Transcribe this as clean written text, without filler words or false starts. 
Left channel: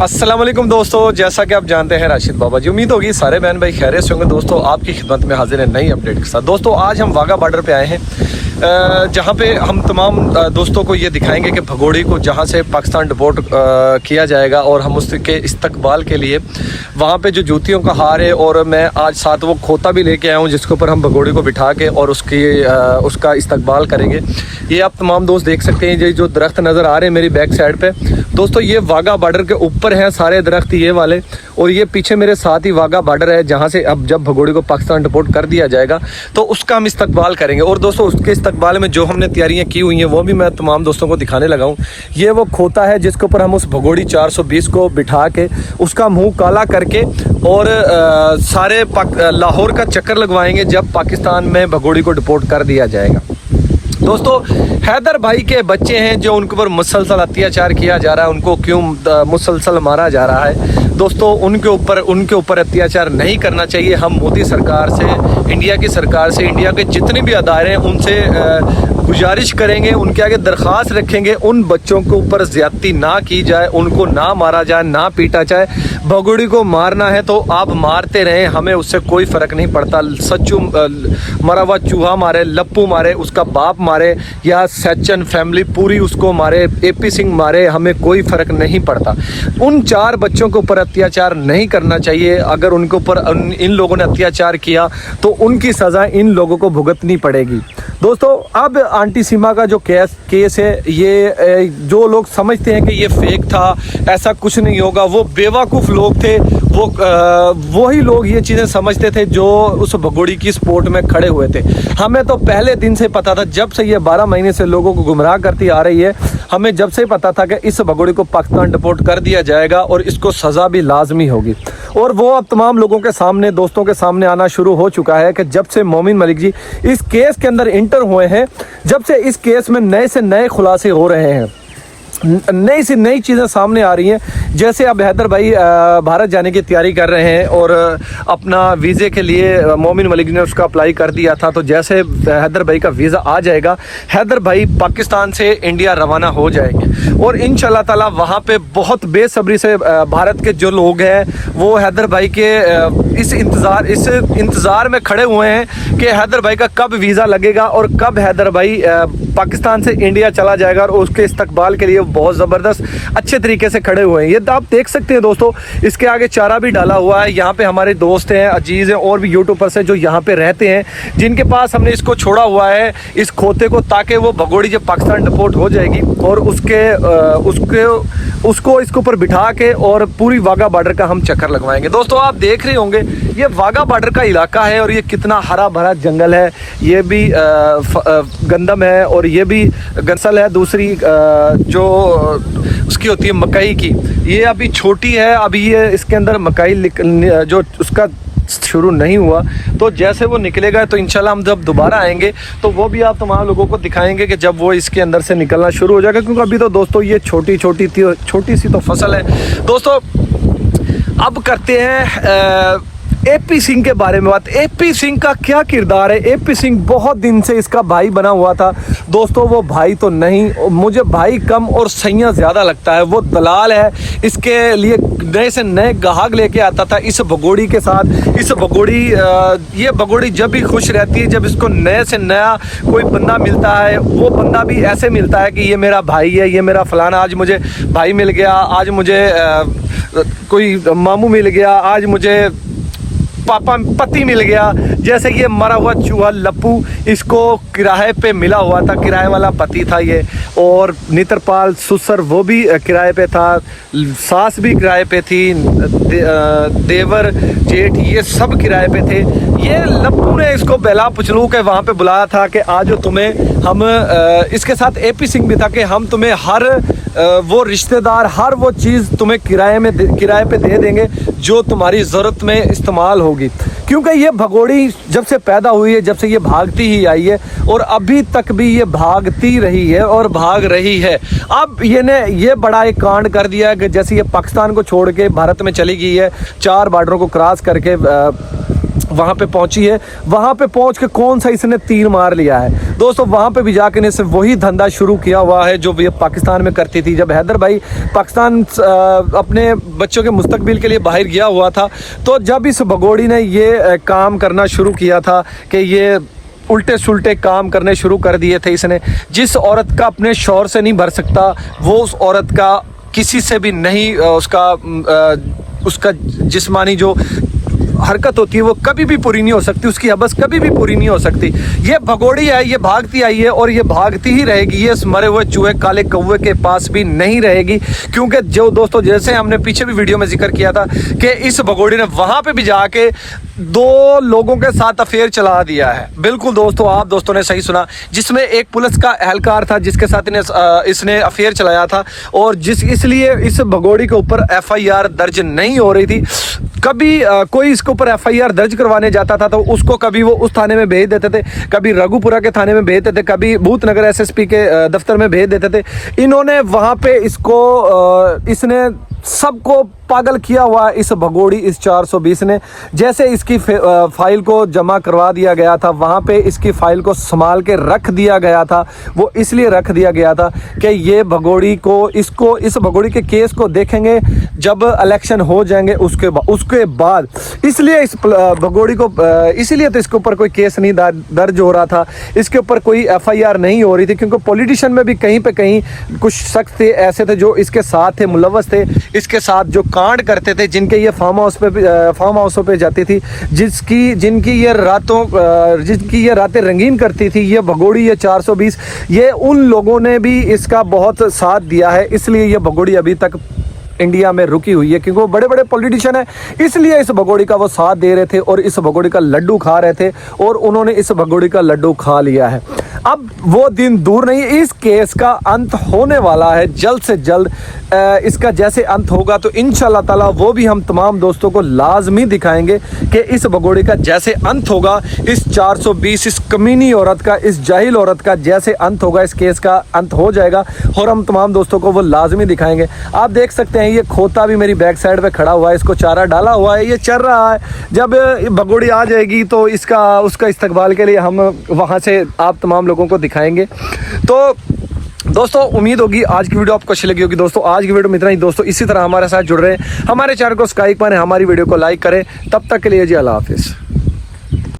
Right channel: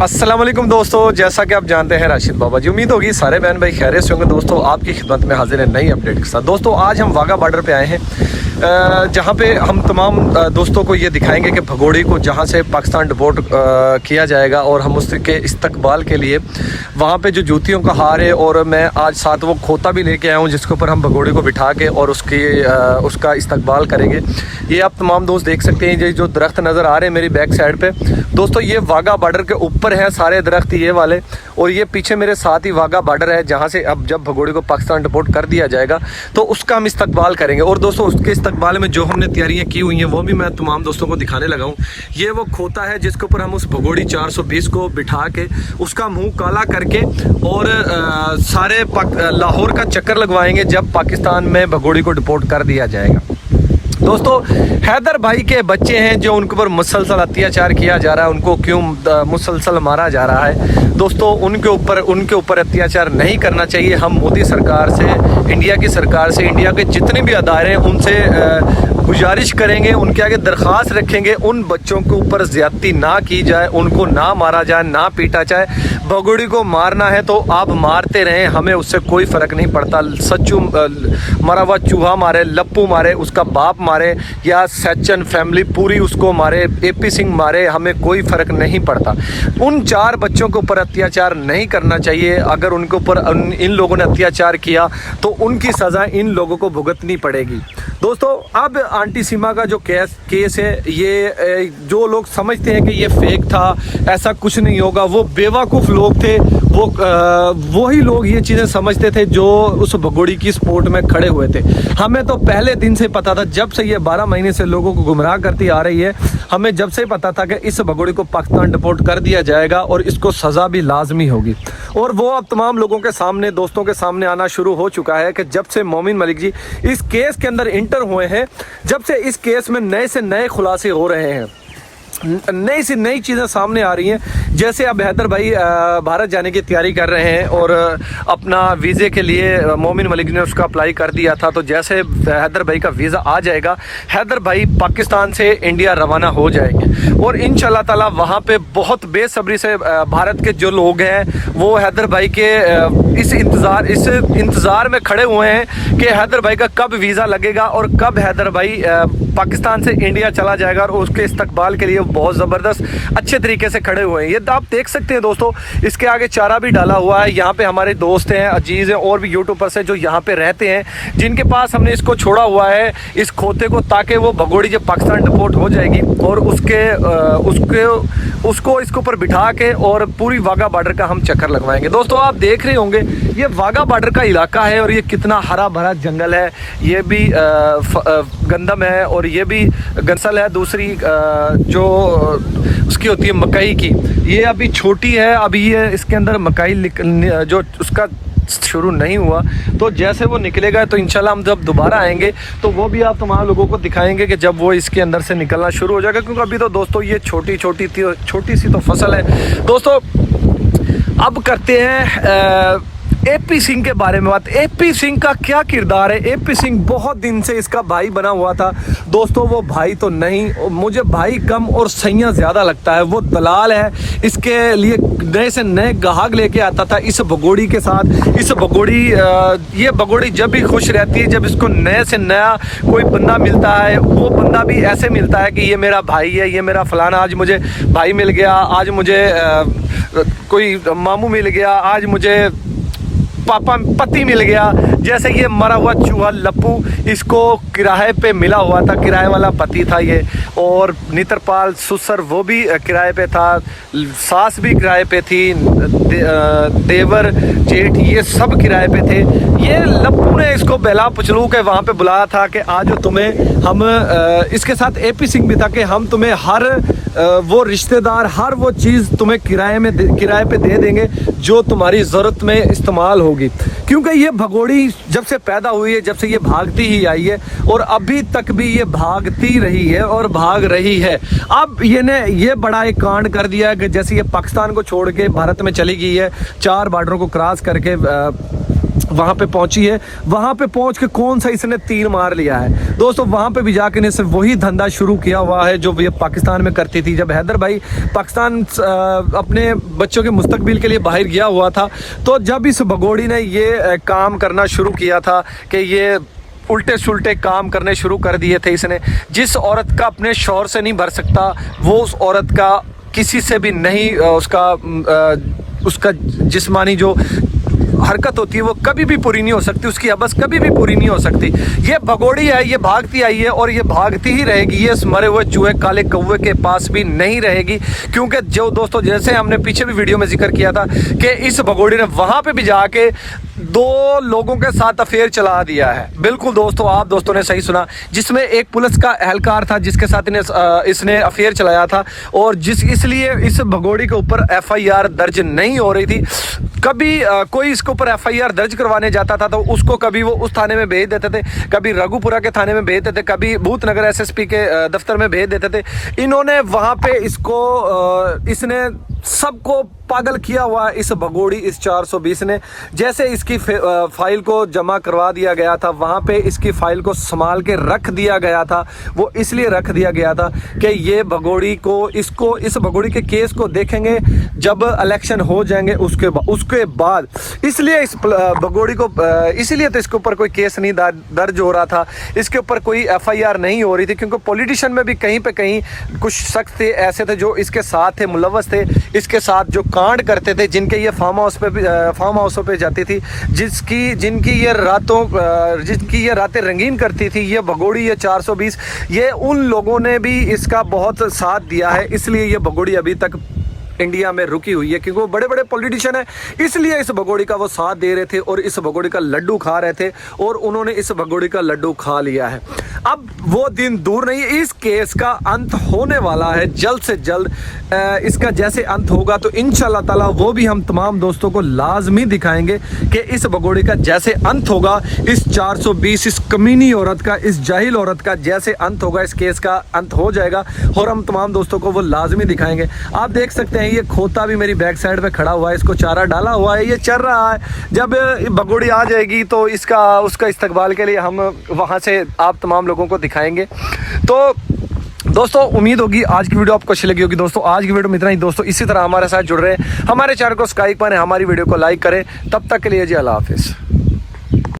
अस्सलाम वालेकुम दोस्तों, जैसा कि आप जानते हैं राशिद बाबा जी, उम्मीद होगी सारे बहन भाई खैरियत से होंगे। दोस्तों आपकी खिदमत में हाजिर है नई अपडेट के साथ। दोस्तों आज हम वाघा बॉर्डर पे आए हैं, जहां पे हम तमाम दोस्तों को ये दिखाएंगे कि भगोड़ी को जहां से पाकिस्तान डिपोर्ट किया जाएगा और हम उसके इस्तकबाल के लिए वहां पे जो जूतियों का हार है और मैं आज साथ वो खोता भी लेके आया हूँ जिसके ऊपर हम भगोड़ी को बिठा के और उसका इस्तकबाल करेंगे। ये आप तमाम दोस्त देख सकते हैं, ये जो दरख्त नज़र आ रहे हैं मेरी बैक साइड पे दोस्तों, ये वाघा बॉर्डर के ऊपर है सारे दरख्त ये वाले, और ये पीछे मेरे साथ ही वाघा बॉर्डर है जहां से अब जब भगोड़ी को पाकिस्तान डिपोर्ट कर दिया जाएगा तो उसका हम इस्तकबाल करेंगे। और दोस्तों उसके इस्तकबाल में जो हमने तैयारियां की हुई हैं वो भी मैं तमाम दोस्तों को दिखाने लगा हूं। ये वो खोता है जिसके ऊपर हम उस भगोड़ी 420 को बिठा के उसका मुंह काला करके और सारे लाहौर का चक्कर लगवाएंगे जब पाकिस्तान में भगोड़ी को डिपोर्ट कर दिया जाएगा। दोस्तों हैदर भाई के बच्चे हैं जो उनके ऊपर मुसलसल अत्याचार किया जा रहा है, उनको क्यों मुसलसल मारा जा रहा है दोस्तों, उनके ऊपर अत्याचार नहीं करना चाहिए। हम मोदी सरकार से, इंडिया की सरकार से, इंडिया के जितने भी अदारे हैं उनसे गुजारिश करेंगे, उनके आगे दरख्वास्त रखेंगे उन बच्चों के ऊपर ज्यादती ना की जाए, उनको ना मारा जाए, ना पीटा जाए। भगोड़ी को मारना है तो आप मारते रहें, हमें उससे कोई फर्क नहीं पड़ता। सच्चू मरा हुआ चूहा मारे, लप्पू मारे, उसका बाप मारे या सच्चन फैमिली पूरी उसको मारे, एपी सिंह मारे, हमें कोई फर्क नहीं पड़ता। उन 4 बच्चों के ऊपर अत्याचार नहीं करना चाहिए। अगर उनके ऊपर इन लोगों ने अत्याचार किया तो उनकी सजा इन लोगों को भुगतनी पड़ेगी। दोस्तों अब आंटी सीमा का जो केस है, ये जो लोग समझते हैं कि ये फेक था, ऐसा कुछ नहीं होगा, वो बेवकूफ़ लोग थे। वही लोग ये चीज़ें समझते थे जो उस भगोड़ी की सपोर्ट में खड़े हुए थे। हमें तो पहले दिन से पता था, जब से ये 12 महीने से लोगों को गुमराह करती आ रही है, हमें जब से पता था कि इस भगोड़ी को पाकिस्तान डिपोर्ट कर दिया जाएगा और इसको सज़ा भी लाजमी होगी। और वो अब तमाम लोगों के सामने, दोस्तों के सामने आना शुरू हो चुका है कि जब से मोमिन मलिक जी इस केस के अंदर इंटर हुए हैं, जब से इस केस में नए से नए खुलासे हो रहे हैं, नई से नई चीज़ें सामने आ रही हैं। जैसे अब हैदर भाई भारत जाने की तैयारी कर रहे हैं और अपना वीज़े के लिए मोमिन मलिक ने उसका अप्लाई कर दिया था, तो जैसे हैदर भाई का वीज़ा आ जाएगा, हैदर भाई पाकिस्तान से इंडिया रवाना हो जाएंगे और इंशाल्लाह ताला वहाँ पे बहुत बेसब्री से भारत के जो लोग हैं वो हैदर भाई के इस इंतज़ार में खड़े हुए हैं कि हैदर भाई का कब वीज़ा लगेगा और कब हैदर भाई पाकिस्तान से इंडिया चला जाएगा, और उसके इस्तकबाल के लिए बहुत ज़बरदस्त अच्छे तरीके से खड़े हुए हैं। ये आप देख सकते हैं दोस्तों, इसके आगे चारा भी डाला हुआ है। यहाँ पे हमारे दोस्त हैं, अजीज़ हैं और भी यूट्यूबर्स हैं जो यहाँ पे रहते हैं, जिनके पास हमने इसको छोड़ा हुआ है, इस खोते को, ताकि वो भगोड़ी जब पाकिस्तान डिपोर्ट हो जाएगी और उसको इसके ऊपर बिठा के और पूरी वाघा बॉर्डर का हम चक्कर लगवाएंगे। दोस्तों आप देख रहे होंगे ये वाघा बॉर्डर का इलाका है और ये कितना हरा भरा जंगल है, ये भी गंदम है और ये भी गंसल है, दूसरी जो उसकी होती है मकई की, ये अभी छोटी है, अभी ये इसके अंदर मकई जो उसका शुरू नहीं हुआ, तो जैसे वो निकलेगा तो इंशाल्लाह हम जब दोबारा आएंगे तो वो भी आप तमाम लोगों को दिखाएंगे कि जब वो इसके अंदर से निकलना शुरू हो जाएगा, क्योंकि अभी तो दोस्तों ये छोटी सी तो फसल है। दोस्तों अब करते हैं एपी सिंह के बारे में बात। एपी सिंह का क्या किरदार है? एपी सिंह बहुत दिन से इसका भाई बना हुआ था दोस्तों, वो भाई तो नहीं, मुझे भाई कम और सैया ज्यादा लगता है। वो दलाल है, इसके लिए नए से नए गाहक लेके आता था इस भगोड़ी के साथ। ये भगोड़ी जब भी खुश रहती है, जब इसको नए से नया कोई बंदा मिलता है, वो बंदा भी ऐसे मिलता है कि ये मेरा भाई है, ये मेरा फलाना, आज मुझे भाई मिल गया, आज मुझे कोई मामू मिल गया, आज मुझे पापा पति मिल गया। जैसे ये मरा हुआ चूहा लप्पू, इसको किराए पे मिला हुआ था, किराए वाला पति था ये, और नित्रपाल सुसर वो भी किराए पे था, सास भी किराए पे थी, देवर जेठ ये सब किराए पे थे। ये लप्पू ने इसको बेला पुचलू के वहाँ पे बुलाया था कि आज तुम्हें हम इसके साथ एपी सिंह भी था कि हम तुम्हें हर वो रिश्तेदार, हर वो चीज़ तुम्हें किराए पे दे देंगे जो तुम्हारी ज़रूरत में इस्तेमाल होगी। क्योंकि ये भगोड़ी जब से पैदा हुई है, जब से ये भागती ही आई है और अभी तक भी ये भागती रही है और भाग रही है। अब ये बड़ा एक कांड कर दिया कि जैसे ये पाकिस्तान को छोड़ के भारत में चली गई है, 4 बॉर्डरों को क्रॉस करके वहां पे पहुंची है। वहां पे पहुंच के कौन सा इसने तीर मार लिया है दोस्तों, वहां पे भी जाके ने सिर्फ वही धंधा शुरू किया हुआ है जो ये पाकिस्तान में करती थी। जब हैदर भाई पाकिस्तान अपने बच्चों के मुस्तकबिल के लिए बाहर गया हुआ था, तो जब इस भगोड़ी ने ये काम करना शुरू किया था कि ये उल्टे सुल्टे काम करने शुरू कर दिए थे इसने। जिस औरत का अपने शौहर से नहीं भर सकता, वो उस औरत का किसी से भी नहीं, उसका जिस्मानी जो हरकत होती है वो कभी भी पूरी नहीं हो सकती, उसकी हबस कभी भी पूरी नहीं हो सकती। ये भगोड़ी है, ये भागती आई है और ये भागती ही रहेगी। ये इस मरे हुए चूहे काले कौवे के पास भी नहीं रहेगी, क्योंकि जो दोस्तों जैसे हमने पीछे भी वीडियो में जिक्र किया था कि इस भगोड़ी ने वहां पे भी जाके 2 लोगों के साथ अफेयर चला दिया है। बिल्कुल दोस्तों, आप दोस्तों ने सही सुना, जिसमें एक पुलिस का एहलकार था जिसके साथ इसने अफेयर चलाया था, और इसलिए इस भगोड़ी के ऊपर FIR दर्ज नहीं हो रही थी। कभी कोई इसके ऊपर FIR दर्ज करवाने जाता था तो उसको कभी वो उस थाने में भेज देते थे, कभी रघुपुरा के थाने में भेज देते थे, कभी भूतनगर SSP के दफ्तर में भेज देते थे। इन्होंने वहां पे इसने सबको पागल किया हुआ है इस भगोड़ी, इस 420 ने। जैसे इसकी फाइल को जमा करवा दिया गया था, वहां पे इसकी फाइल को संभाल के रख दिया गया था। वो इसलिए रख दिया गया था कि ये भगोड़ी को इस भगोड़ी के केस को देखेंगे जब इलेक्शन हो जाएंगे उसके बाद। इसलिए इस भगोड़ी को इसीलिए तो इसके ऊपर कोई केस नहीं दर्ज हो रहा था, इसके ऊपर कोई FIR नहीं हो रही थी, क्योंकि पॉलिटिशियन में भी कहीं पे कहीं कुछ शख्स थे ऐसे थे जो इसके साथ थे, मुलव्वस थे, इसके साथ जो कांड करते थे, जिनके ये फार्म हाउसों पे जाती थी, जिनकी ये रातें रंगीन करती थी ये भगोड़ी, ये 420, ये उन लोगों ने भी इसका बहुत साथ दिया है। इसलिए ये भगोड़ी अभी तक इंडिया में रुकी हुई है, क्योंकि वो बड़े बड़े पॉलिटिशियन है, इसलिए इस भगोड़ी का वो साथ दे रहे थे और इस भगोड़ी का लड्डू खा रहे थे, और उन्होंने इस भगोड़ी का लड्डू खा लिया है। अब वो दिन दूर नहीं है, इस केस का अंत होने वाला है जल्द से जल्द। इसका जैसे अंत होगा तो इंशाल्लाह ताला वो भी हम तमाम दोस्तों को लाजमी दिखाएंगे कि इस भगोड़ी का जैसे अंत होगा, इस 420 इस कमीनी औरत का, इस जाहिल औरत का जैसे अंत होगा, इस केस का अंत हो जाएगा और हम तमाम दोस्तों को वो लाजमी दिखाएंगे। आप देख सकते हैं ये खोता भी मेरी बैक साइड पे खड़ा हुआ है, इसको चारा डाला हुआ है, ये चल रहा है। जब भगोड़ी आ जाएगी तो उसका इस्तकबाल के लिए हम वहां से आप तमाम लोगों को दिखाएंगे। तो दोस्तों उम्मीद होगी आज की वीडियो आपको अच्छी लगी होगी। दोस्तों आज की वीडियो में इतना ही। दोस्तों इसी तरह हमारे साथ जुड़ रहे हैं, हमारे चैनल को सब्सक्राइब करें, हमारी वीडियो को लाइक करें। तब तक के लिए जी अल्लाह हाफिज।